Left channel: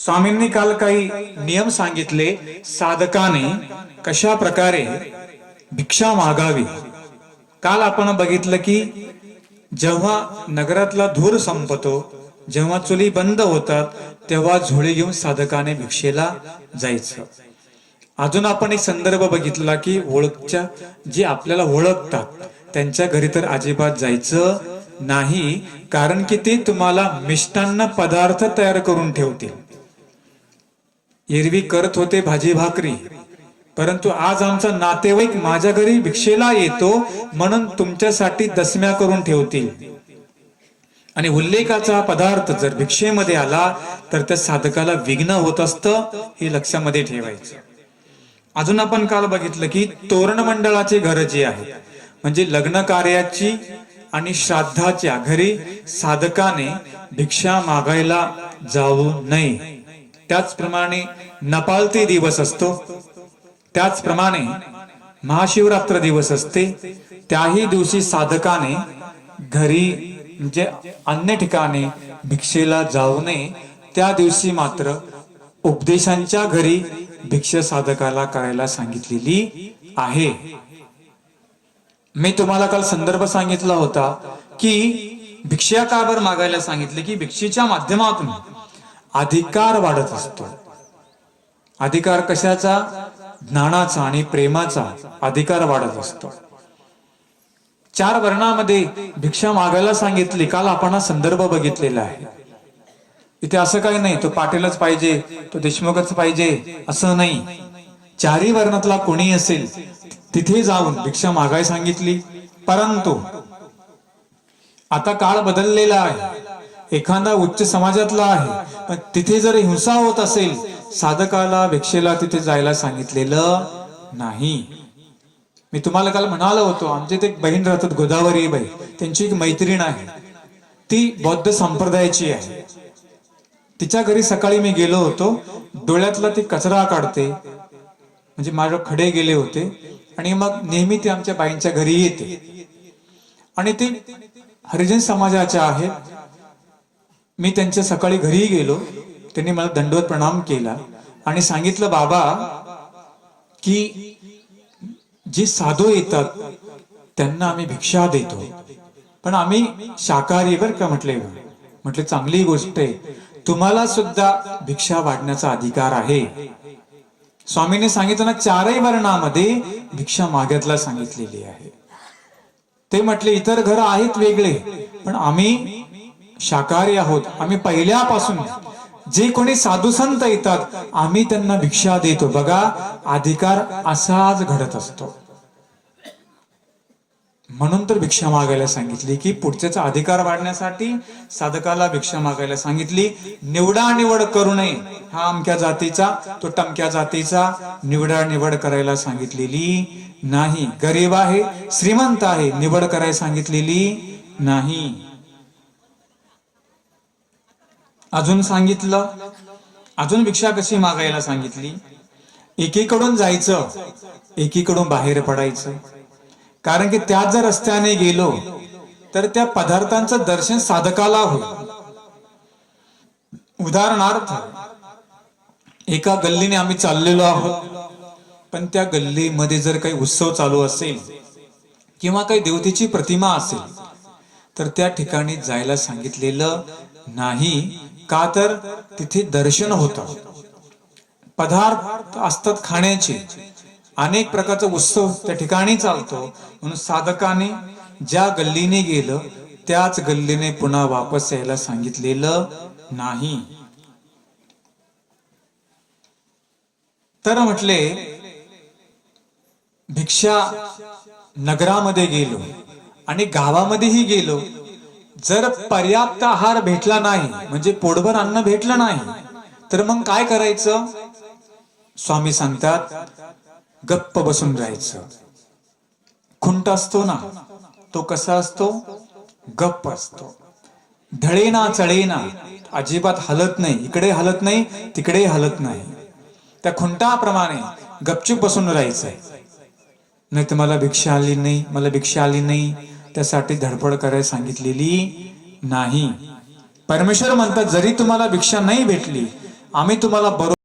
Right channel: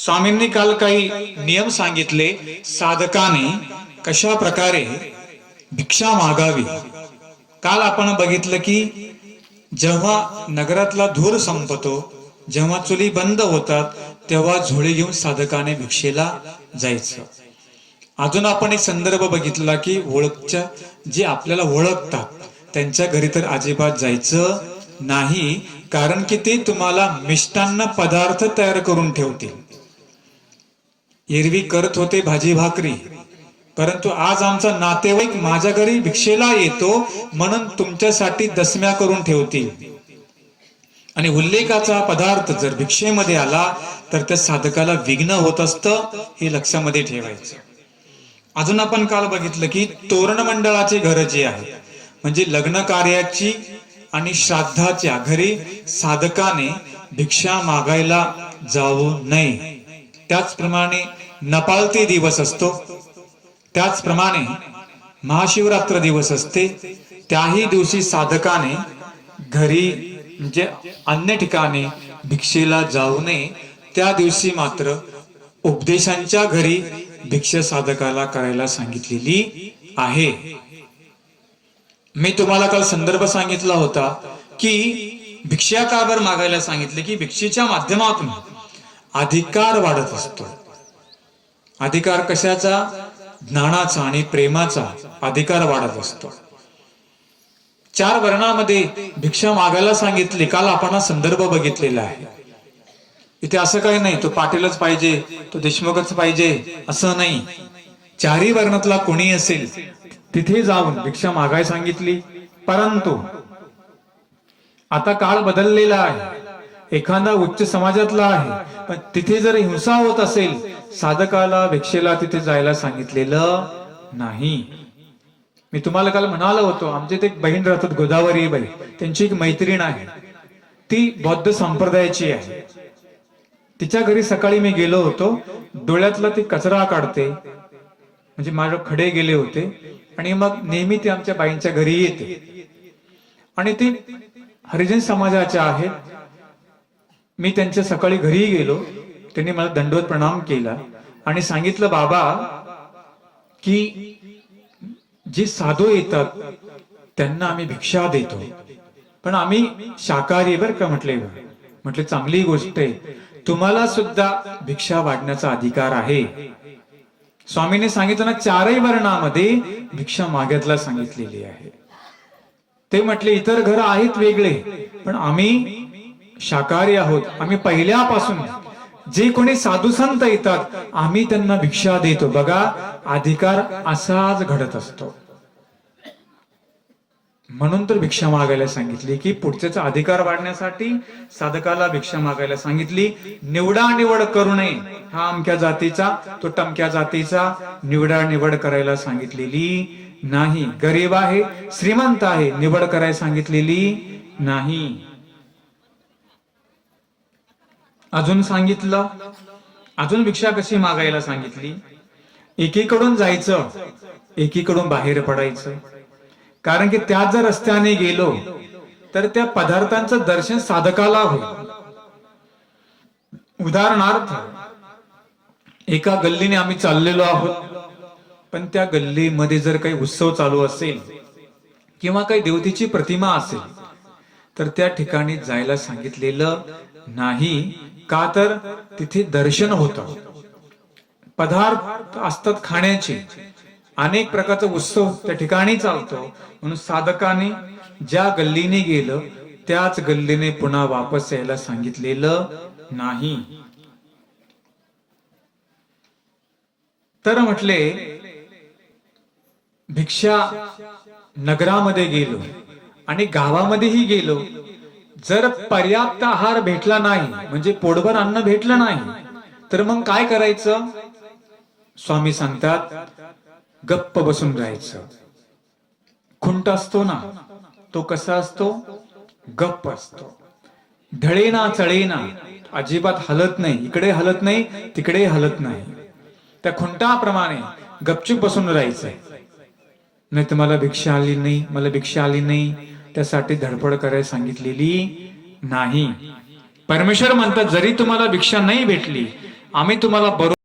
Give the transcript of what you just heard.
स्वामींनी काल काही नियम सांगितले. साधकाने कशा प्रकारे भिक्षा मागावी? काल आपण बघितलं की जेव्हा नगरातला धूर संपतो जेव्हा चुली बंद होतात तेव्हा झोळी घेऊन साधकाने भिक्षेला जायचं. अजून आपण एक संदर्भ बघितला की ओळखच्या जे आपल्याला ओळखतात त्यांच्या घरी तर अजिबात जायचं नाही कारण की ते तुम्हाला मिष्टान्न पदार्थ तयार करून ठेवतील. एरवी करत होते भाजी भाकरी. परंतु आज आमचा नातेवाईक माझ्या घरी भिक्षेला येतो म्हणून तुमच्यासाठी दसम्या करून ठेवतील. आणि उल्लेखाचा पदार्थ जर भिक्षेमध्ये आला तर त्या साधकाला विघ्न होत असतं हे लक्षामध्ये ठेवायचं. अजून आपण काल बघितलं की तोरण मंडळाचे घर जे आहे म्हणजे लग्न कार्याची आणि श्राद्धाच्या घरी साधकाने भिक्षा मागायला जाऊ नये. त्याचप्रमाणे नपालते दिवस असतो. त्याचप्रमाणे महाशिवरात्र दिवस असते. त्याही दिवशी साधकाने घरी म्हणजे अन्य ठिकाणी भिक्षेला जाऊ नये. त्या दिवशी मात्र उपदेशांच्या घरी भिक्षा साधकाला करायला सांगितलेली आहे. मी तुम्हाला काल संदर्भ सांगितला होता की भिक्षा का बरं मागायला सांगितले? की भिक्षेच्या माध्यमातून अधिकार वाढत असतो. अधिकार कशाचा? ज्ञानाचा आणि प्रेमाचा अधिकार वाढत असतो. चार वर्णामध्ये भिक्षा मागायला सांगितली काल आपण हा संदर्भ बघितलेला आहे. इथे असं काही नाही तो पाटीलच पाहिजे तो देशमुखच पाहिजे असं नाही. चारही वर्णातला कोणी असेल तिथे जाऊन भिक्षा मागाय सांगितली परंतु आता काळ बदललेला आहे. एखादा उच्च समाजातला आहे पण तिथे जर हिंसा होत असेल साधकाला भिक्षेला तिथे जायला सांगितलेलं नाही. मी तुम्हाला काल म्हणालो होतो आमच्या इथे एक बहीण राहतात गोदावरी बाई. त्यांची एक मैत्रीण आहे. ती बौद्ध संप्रदायाची आहे. तिच्या घरी सकाळी मी गेलो होतो. डोळ्यातला ती कचरा काढते. म्हणजे माझे खडे गेले होते. आणि मग नेहमी ती आमच्या बाईंच्या घरी येते. आणि ती हरिजन समाजाच्या आहेत. मी त्यांच्या सकाळी घरी गेलो. त्यांनी मला दंडवत प्रणाम केला आणि सांगितलं बाबा की जे साधू येतात त्यांना आम्ही भिक्षा देतो. पण आम्ही शाकाहारी बर का? म्हटले म्हटले चांगली गोष्ट आहे. तुम्हाला सुद्धा भिक्षा वाढण्याचा अधिकार आहे. स्वामीने सांगितलं ना चारही वर्णामध्ये भिक्षा माग्यातला सांगितलेली आहे. ते म्हटले इतर घर आहेत वेगळे पण आम्ही शाकाहारी आहोत. आम्ही पहिल्यापासून जे कोणी साधू संत येतात आम्ही त्यांना भिक्षा देतो. बघा अधिकार असाच घडत असतो. म्हणून तर भिक्षा मागायला सांगितली की पुढच्याचा अधिकार वाढण्यासाठी साधकाला भिक्षा मागायला सांगितली. निवडा निवड करू नये हा अमक्या जातीचा तो टमक्या जातीचा निवडा निवड करायला सांगितलेली नाही. गरीब आहे श्रीमंत आहे निवड करायला सांगितलेली नाही. अजून सांगितलं. अजून भिक्षा कशी मागायला सांगितली? एकीकडून जायचं एकीकडून बाहेर पडायचं. कारण की त्या जर रस्त्याने गेलो तर त्या पदार्थांचं दर्शन साधकाला होईल. उदाहरणार्थ एका गल्लीने आम्ही चाललेलो आहोत पण त्या गल्लीमध्ये जर काही उत्सव चालू असेल किंवा काही देवतेची प्रतिमा असेल तर त्या ठिकाणी जायला सांगितलेलं नाही का तर तिथे दर्शन होतं. पदार्थ असतात खाण्याचे. अनेक प्रकारचा उत्सव त्या ठिकाणी चालतो. म्हणून साधकाने ज्या गल्लीने गेलं त्याच गल्लीने पुन्हा वापस यायला सांगितलेलं नाही. तर म्हटले भिक्षा नगरामध्ये गेलो. आणि गावामध्येही गेलो. जर पर्याप्त आहार भेटला नाही म्हणजे पोटभर अन्न भेटलं नाही तर मग काय करायचं? स्वामी सांगतात गप्प बसून राहायचं. खुंट असतो ना तो कसा असतो? गप्प असतो. ढळेना चढेना अजिबात हलत नाही इकडे हलत नाही तिकडे हलत नाही. त्या खुंटाप्रमाणे गपचूप बसून राहायचंय. नाही तर मला भिक्षा आली नाही मला भिक्षा आली नाही त्यासाठी धडपड करायला सांगितलेली नाही. परमेश्वर म्हणतात जरी तुम्हाला भिक्षा नाही भेटली आम्ही तुम्हाला बरोबर